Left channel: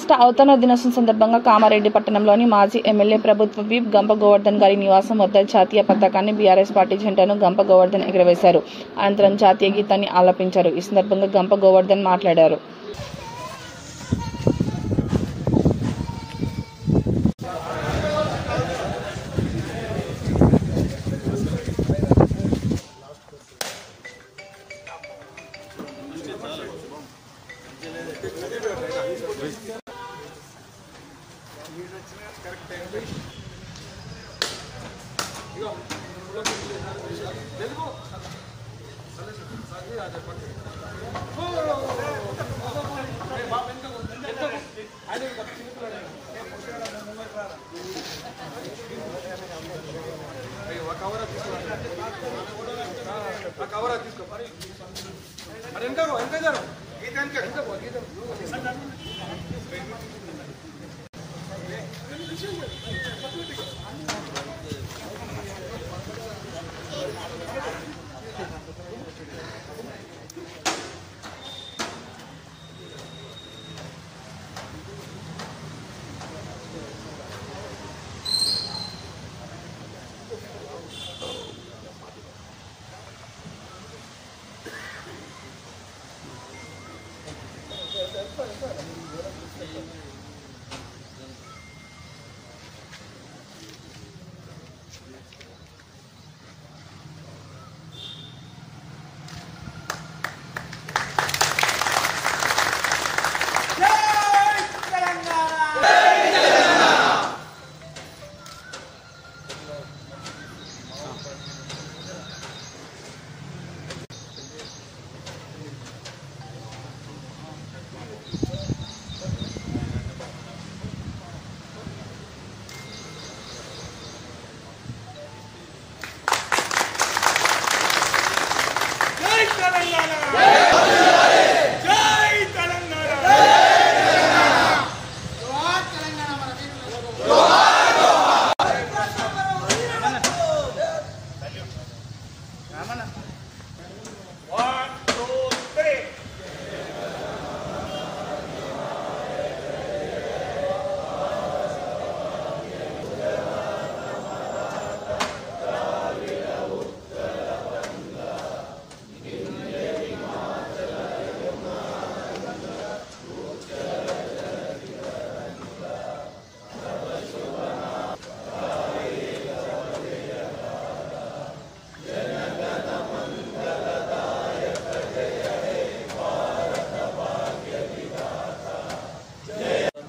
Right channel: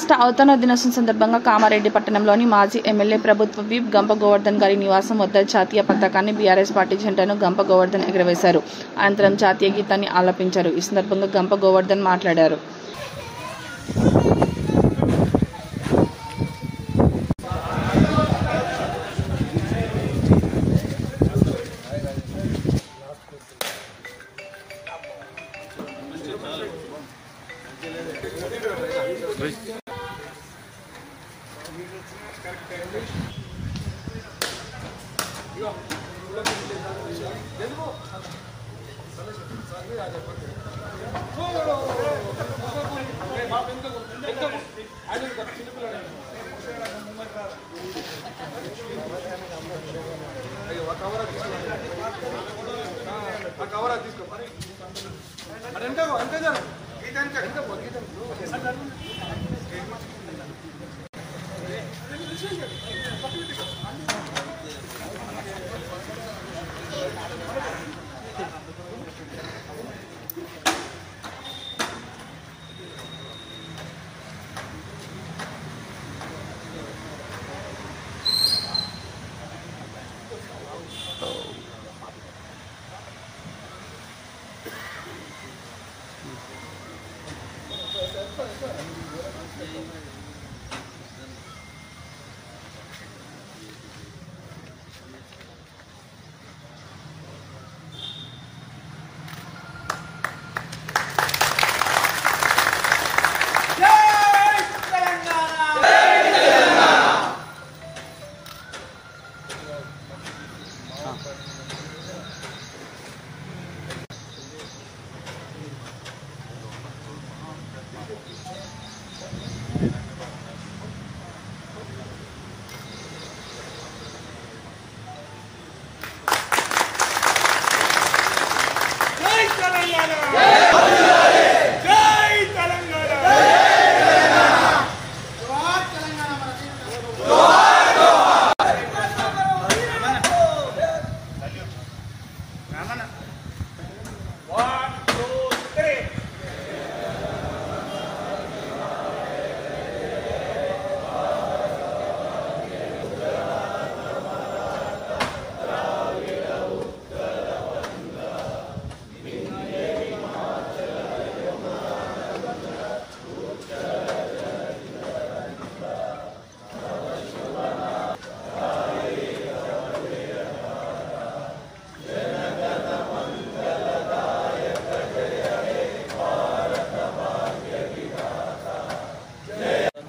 రాష్ట్ర అవతరణ దినోత్సవం సందర్భంగా కామారెడ్డి పట్టణంలోని మాజీ ఎమ్మెల్యే ప్రభుత్వ విప్ గంప గోవర్ధన్ గారి నివాసం వద్ద జాతీయ పతాకాన్ని బీఆర్ఎస్ పార్టీ జెండాను గంప గోవర్ధన్ ఎగురవేశారు. అనంతరం జాతీయ గీతాన్ని ఆలపించారు. ఈ సందర్భంగా గంప గోవర్ధన్ మాట్లాడారు.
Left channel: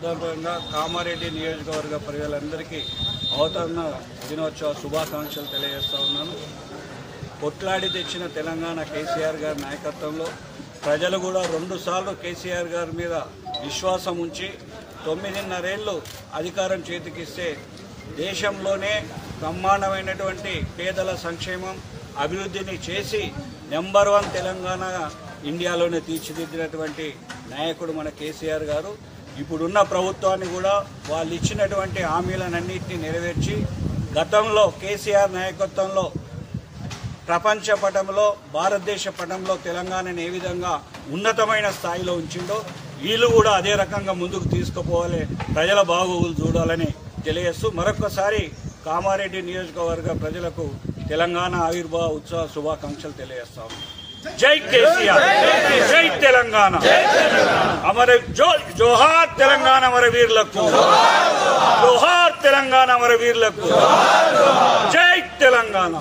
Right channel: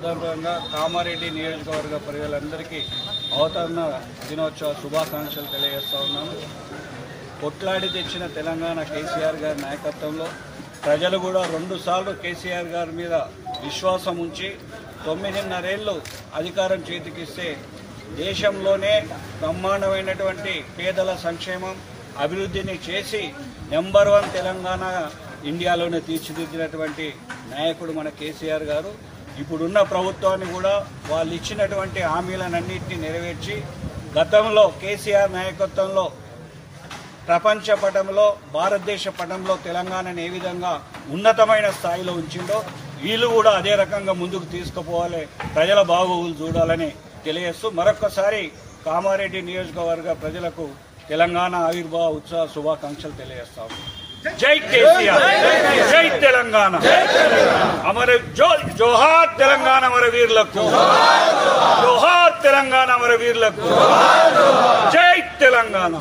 సందర్భంగా కామారెడ్డి నియోజకవర్గ ప్రజలందరికీ అవతరణ దినోత్సవ శుభాకాంక్షలు తెలియజేస్తా ఉన్నాను. కొట్లాడి తెచ్చిన తెలంగాణ కేసీఆర్ గారి నాయకత్వంలో ప్రజలు కూడా 2 సార్లు కేసీఆర్ గారి మీద విశ్వాసం ఉంచి 9.5 ఏళ్ళు అధికారం చేతికిస్తే దేశంలోనే బ్రహ్మాండమైనటువంటి పేదల సంక్షేమం అభివృద్ధిని చేసి నెంబర్ 1 తెలంగాణ ఇండియాలోనే తీర్చిదిద్దినటువంటి నాయకుడు మన కేసీఆర్ గారు. ఇప్పుడున్న ప్రభుత్వాన్ని కూడా వాళ్ళు ఇచ్చినటువంటి హామీలన్నింటినీ నెరవేర్చి గతంలో కేసీఆర్ నాయకత్వంలో ప్రపంచ పటంలో భారతదేశ పటంలో తెలంగాణను ఏ విధంగా ఉన్నతమైన స్థాయిలో ఉంచిందో వీళ్ళు కూడా అదే రకంగా ముందుకు తీసుకుపోవాలి, ప్రజల బాగోగులు చూడాలని తెలియజేస్తూ మరొకసారి కామారెడ్డి నియోజకవర్గ ప్రజలకు తెలంగాణ ఆవిర్భావ ఉత్సవ శుభాకాంక్షలు తెలియజేస్తాము. జై కేసీఆర్, జై తెలంగాణ, అమర జోహార్ తెలంగాణ అమర వీరులకు, జోహార్ తెలంగాణ అమర వీరులకు, జై తెలంగాణ.